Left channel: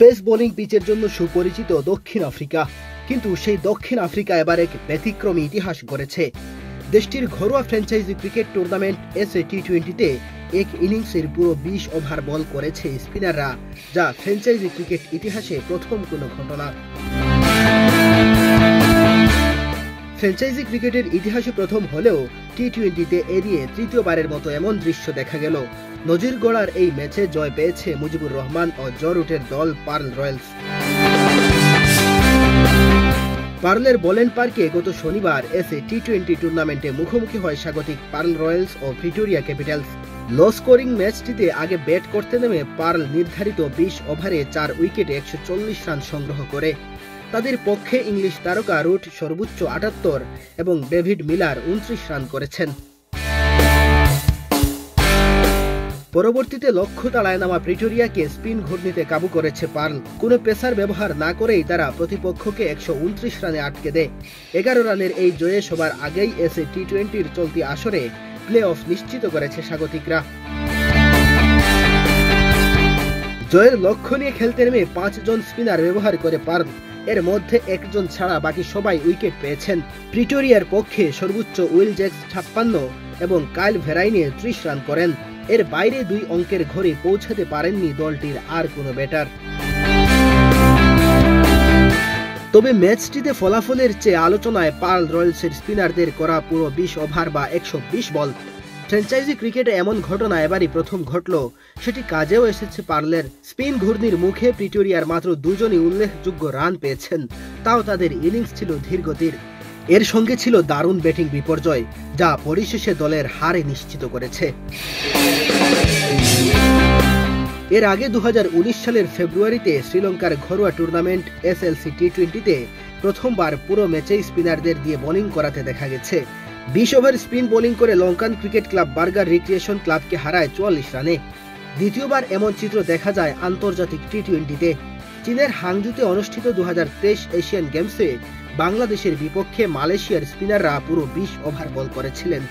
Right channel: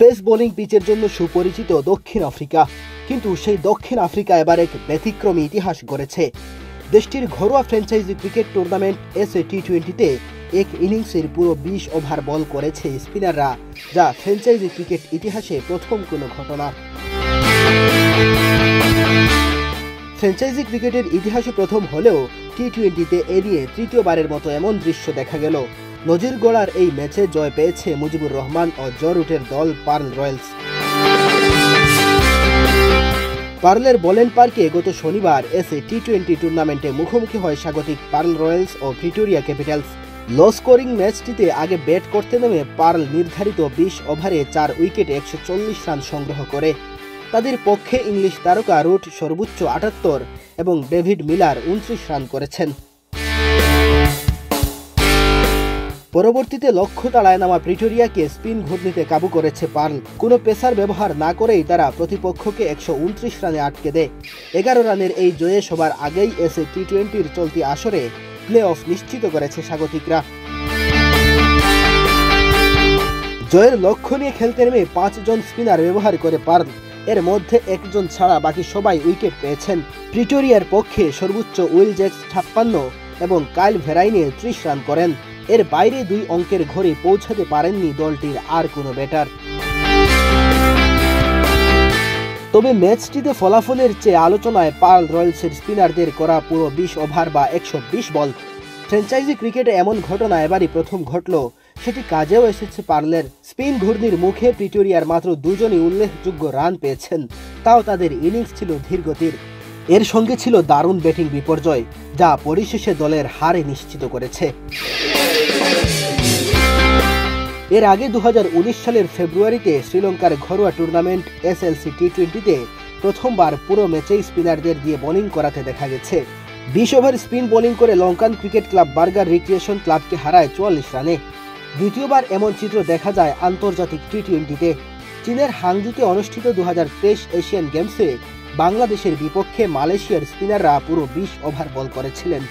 Pace bowling পিচের জন্য সুপরিচিত দক্ষিণ আফ্রিকা, কিন্তু সেই দক্ষিণ আফ্রিকা এবার এক ব্যতিক্রমী ইতিহাস গড়েছে। দেশটির ঘরোয়া ফ্র্যাঞ্চাইজি ক্রিকেট টুর্নামেন্ট এসএ টি-20-তে এক ইনিংসের পুরো 20 ওভার বল করেছে স্পিনাররা, যা ফ্র্যাঞ্চাইজি ক্রিকেট ইতিহাসে প্রথম কোনো ঘটনা। ফ্র্যাঞ্চাইজি ক্রিকেটের ইতিহাসে প্রথম হলেও টি-20তে এড়িয়ে তৃতীয়বারের মতো এমন দৃশ্য দেখা গেল। নজির গড়ার এই ম্যাচে জয় পেয়েছে মুজিবুর রহমান ও জো রুটের দল পার্ল রয়্যালস। পার্লের বোলেন পার্কে গত শনিবার এসএ টি-20 টুর্নামেন্টে মুখোমুখি হয় স্বাগতিক পার্ল রয়্যালস ও প্রিটোরিয়া ক্যাপিটালস। লো স্কোরিং ম্যাচটিতে আগে ব্যাট করতে নেমে পার্ল নির্ধারিত 20 ওভারে 4 উইকেটে 140 রান সংগ্রহ করে। তাদের পক্ষে ইংলিশ তারকা রুট সর্বোচ্চ 78 এবং ডেভিড মিলার 29 রান করেছেন। পরবর্তীতে লক্ষ্য তাড়ায় নামা প্রিটোরিয়াকে স্পিন ঘূর্ণিতে কাবু করেছে পার্ল। কোনো পেসার ব্যবহার না করেই তারা প্রতিপক্ষকে 129 রানে আটকে দেয়। 11 রানের এই জয়ে সবার আগেই এসএ টি-20-র চলতি আসরে প্লে অফ নিশ্চিত করেছে স্বাগতিকরা। জয়ের লক্ষ্য নিয়ে খেলতে নেমে 5 জন স্পিনার ব্যবহার করে পার্ল। এর মধ্যে একজন ছাড়া বাকি সবাই উইকেট পেয়েছেন। প্রিটোরিয়ার পক্ষে সর্বোচ্চ উইল জ্যাক্স 56 এবং কাইল ভেরাইনে 30 রান করেন। এর বাইরে 2 অঙ্কের ঘরে পৌঁছাতে পারেননি দলটির আর কোনো ব্যাটার। তবে ম্যাচটিতে ফলাফলের চেয়ে আলোচনায় পার্ল রয়্যালসের স্পিনারদের করা পুরো 20 ওভার বা 120 বল। ফ্র্যাঞ্চাইজি ক্রিকেটে এমন ঘটনা এবারই প্রথম ঘটল, সেটি কাজেও এসেছে পার্লের। স্পিন ঘূর্ণির মুখে প্রিটোরিয়ার মাত্র 2 জনই উল্লেখযোগ্য রান পেয়েছেন, তাও তাদের ইনিংস ছিল ধীরগতির। এর সঙ্গে ছিল দারুণ ব্যাটিং বিপর্যয়, যা পরিশেষে দলের হারে নিশ্চিত করেছে। এর আগে 2019 সালের ফেব্রুয়ারিতে শ্রীলঙ্কার ঘরোয়া টুর্নামেন্ট এসএলসি টি-20-তে প্রথমবার পুরো ম্যাচেই স্পিনারদের দিয়ে বোলিং করাতে দেখা গেছে। 20 ওভার স্পিন বোলিং করে Lankan cricket club burger recreation ক্লাবকে হারায় 44 রানে। দ্বিতীয়বার এমন চিত্র দেখা যায় আন্তর্জাতিক টি-20-তে। চীনের হাংজুতে অনুষ্ঠিত 2023 এশিয়ান গেমসে বাংলাদেশের বিপক্ষে মালয়েশিয়ার স্পিনাররা পুরো 20 ওভার বল করেছিলেন।